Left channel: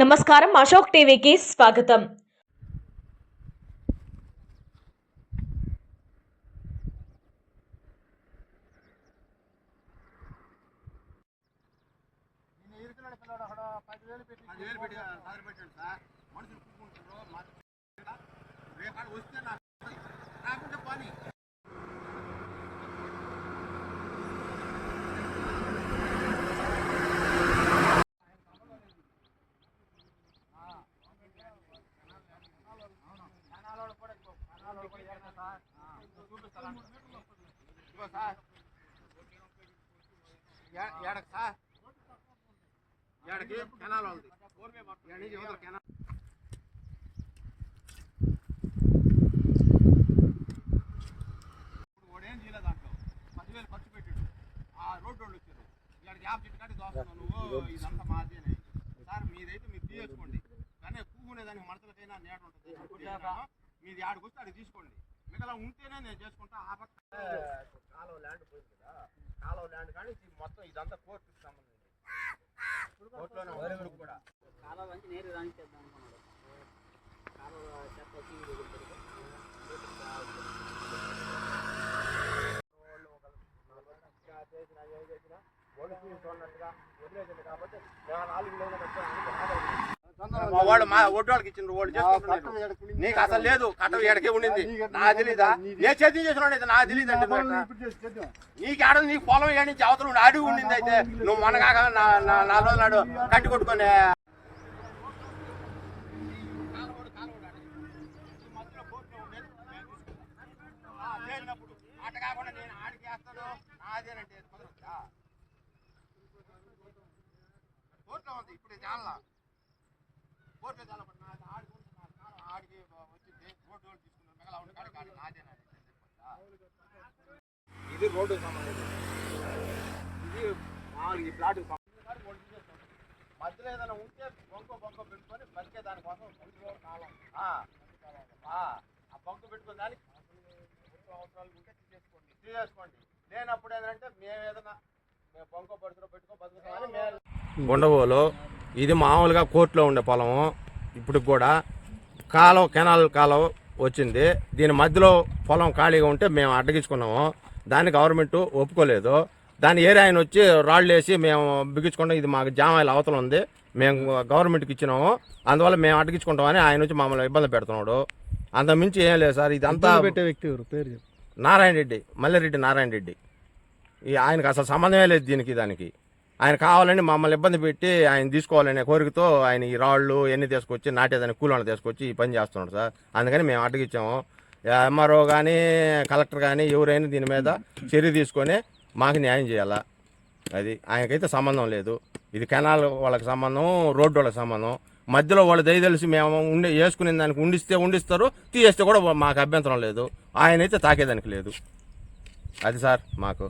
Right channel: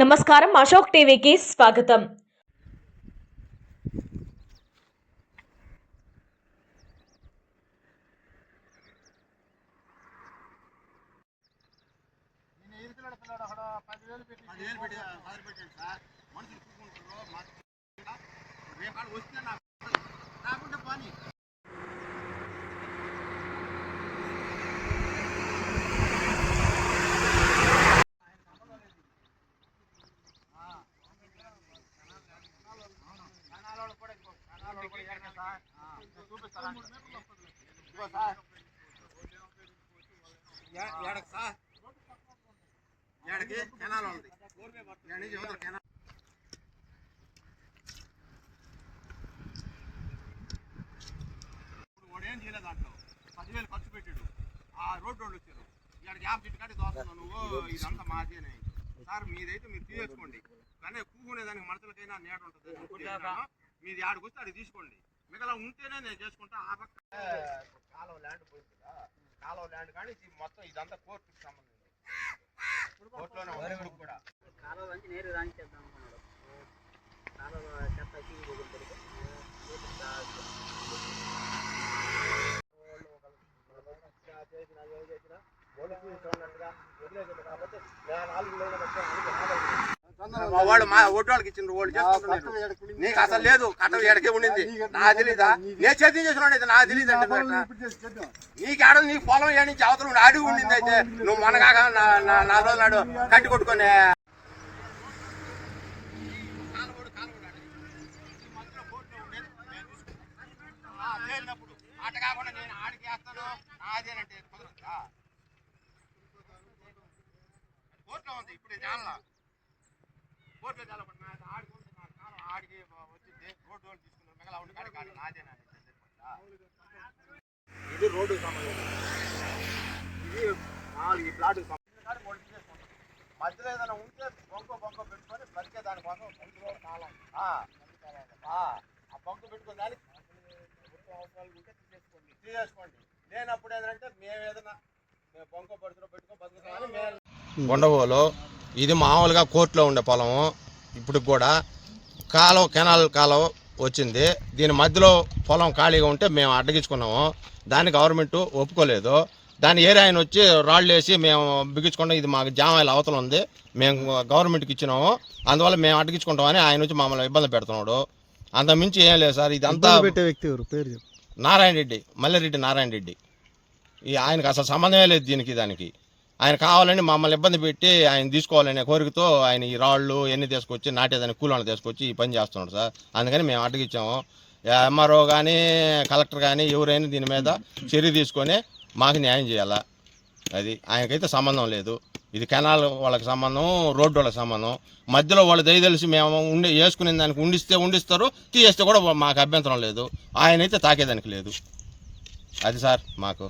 నమస్కారం, అశోక్ టీవీకి స్వాగతం. ఏం చేయలేదు దాంట్లో 10,000 ఖర్చు పెట్టాడు. ఆ రోడ్డు వాళ్ళు వచ్చారు, ఇక్కడికి యాప్ చెట్టు కాడి దోస్తున్నావు నువ్వు, ఇదంతా మాది అని. సార్ మీదైతే మీరు తీసుకోండి, కానీ కూకునేదానికి మడతలకైనా నేట ఉంటుంది. మీది ఆడికి వస్తే ఆడికి తీసుకోండి, మిగతా ఉంటేనే నేను చేసుకుంటా. ఆ పక్క కాలువ ల్యాండ్ పోయింది కదా, కాలువ ల్యాండ్ కానీ మొత్తం ఇదంతా కోర్టుకి సంబంధించి కోర్టులోనే కూడా కాలువ నుంచి నేరు రానిచ్చేద్దాం అనుకున్నాడు. కాలువ చెత్త మా వాళ్ళు మా ఒడ్డు వాళ్ళకి ఇచ్చిన వాళ్ళు చేసుకుంటున్నారు. నీకు అసలు లేదు, కట్టం ఎడకే ఉండింది, నాకు తెలీదా? నేను చేతి చేసిన నాకు తెలియదు అంటే నీకు ఆడ నీ పొలం ఏడి నుంచి అవతల అడుగు ఉండింది. అయితే నువ్వు మనగాక నా రోజు నాడు కట్టి కొట్టుకొని అట కాకుండా నేను ఆడికి వేస్తాను అదేనంటే కుదరదా? కోర్టులో ఉంది ఇప్పుడు జాన్లా, కోర్టులో జాలపడి ఆడికి వచ్చింది. రోడ్డు వాళ్ళు తీసుకున్నారు, మిగతా ఉండి కాడికి ఆడి నాదేనా? ఇది రోడ్డుకు సంబంధించి, ఇది ఈ ప్లాట్కి సంబంధించి. మధ్యలో ఏదైనా ఉంటే బొంక పెట్టుకొని బతికే దానికోసం ఆ బొంక పెట్టుకుని దానికి అవసరాలు ఉంటే తీసేసుకోండి. లేనప్పుడు ఏంటంటే మేము ఏదైనా బొంక పరిధిలో పెట్టుకొని బతుకుతామని. ఉండవోలో ఇది మామూలుగా కోర్టులో ఉండే పొలము. ఇప్పుడు కూడా కెనాల్ కాలువ వచ్చింది, దీని మధ్యలో పొలం ఖాళీగా ఉంటే మేము అడ్డగించుకున్నాము. దాన్ని గవర్నమెంట్ ఒప్పుకోలేదు. దాని ఏరియా ఆయన వచ్చి రాళ్ళు వేసి మేము బిగించుకుంటాం, ఇది మాకు జామాయిల అవతల ఉంది, మేము గవర్నమెంట్కి ఇచ్చినాము, అందువల్ల మేము అడ్డగించుకుంటామని ఆయన వచ్చి మమ్మల్ని ఇబ్బంది పెడుతున్నాడు. అంత మించి ఏం లేదు సార్. ఇదంతా పేరు నారాయణ రెడ్డి, మల్లారెడ్డి నారాయణ రెడ్డి. ఆయనకు అసలు సంబంధమే లేదు దానికి. ఆయన కావాలని మమ్మల్ని ఇబ్బంది పెట్టి ఆయన తీసుకోవాలనే కోరికతో ఆయన ఈ రాళ్ళు ఎన్ని తీసుకొచ్చి నాటేదాన్ని కూలీలను తీసుకొచ్చి ఈ పని చేస్తున్నాడు సార్. అందుకని మేము అడ్డగిచ్చాము. ఎంఆర్ఓ కానీ కలెక్టర్ కానీ ఎవరైనా దీని మీద చర్య తీసుకొని మాకు న్యాయం చేయాలా. అది ఆయనకైతే సంబంధం లేదు. ఇది కెనాల్ వాళ్ళకి సంబంధం, రోడ్డు వాళ్ళకి సంబంధం. మధ్యలో వాళ్ళు దయదలిసి మేము వేసుకునే దానికి ఉండిస్తారు, తీయేస్తే కూడా మాకు అభ్యంతరం లేదు. ఆయనైతే తాకేదానికి లేదు. అది సార్ మాకు.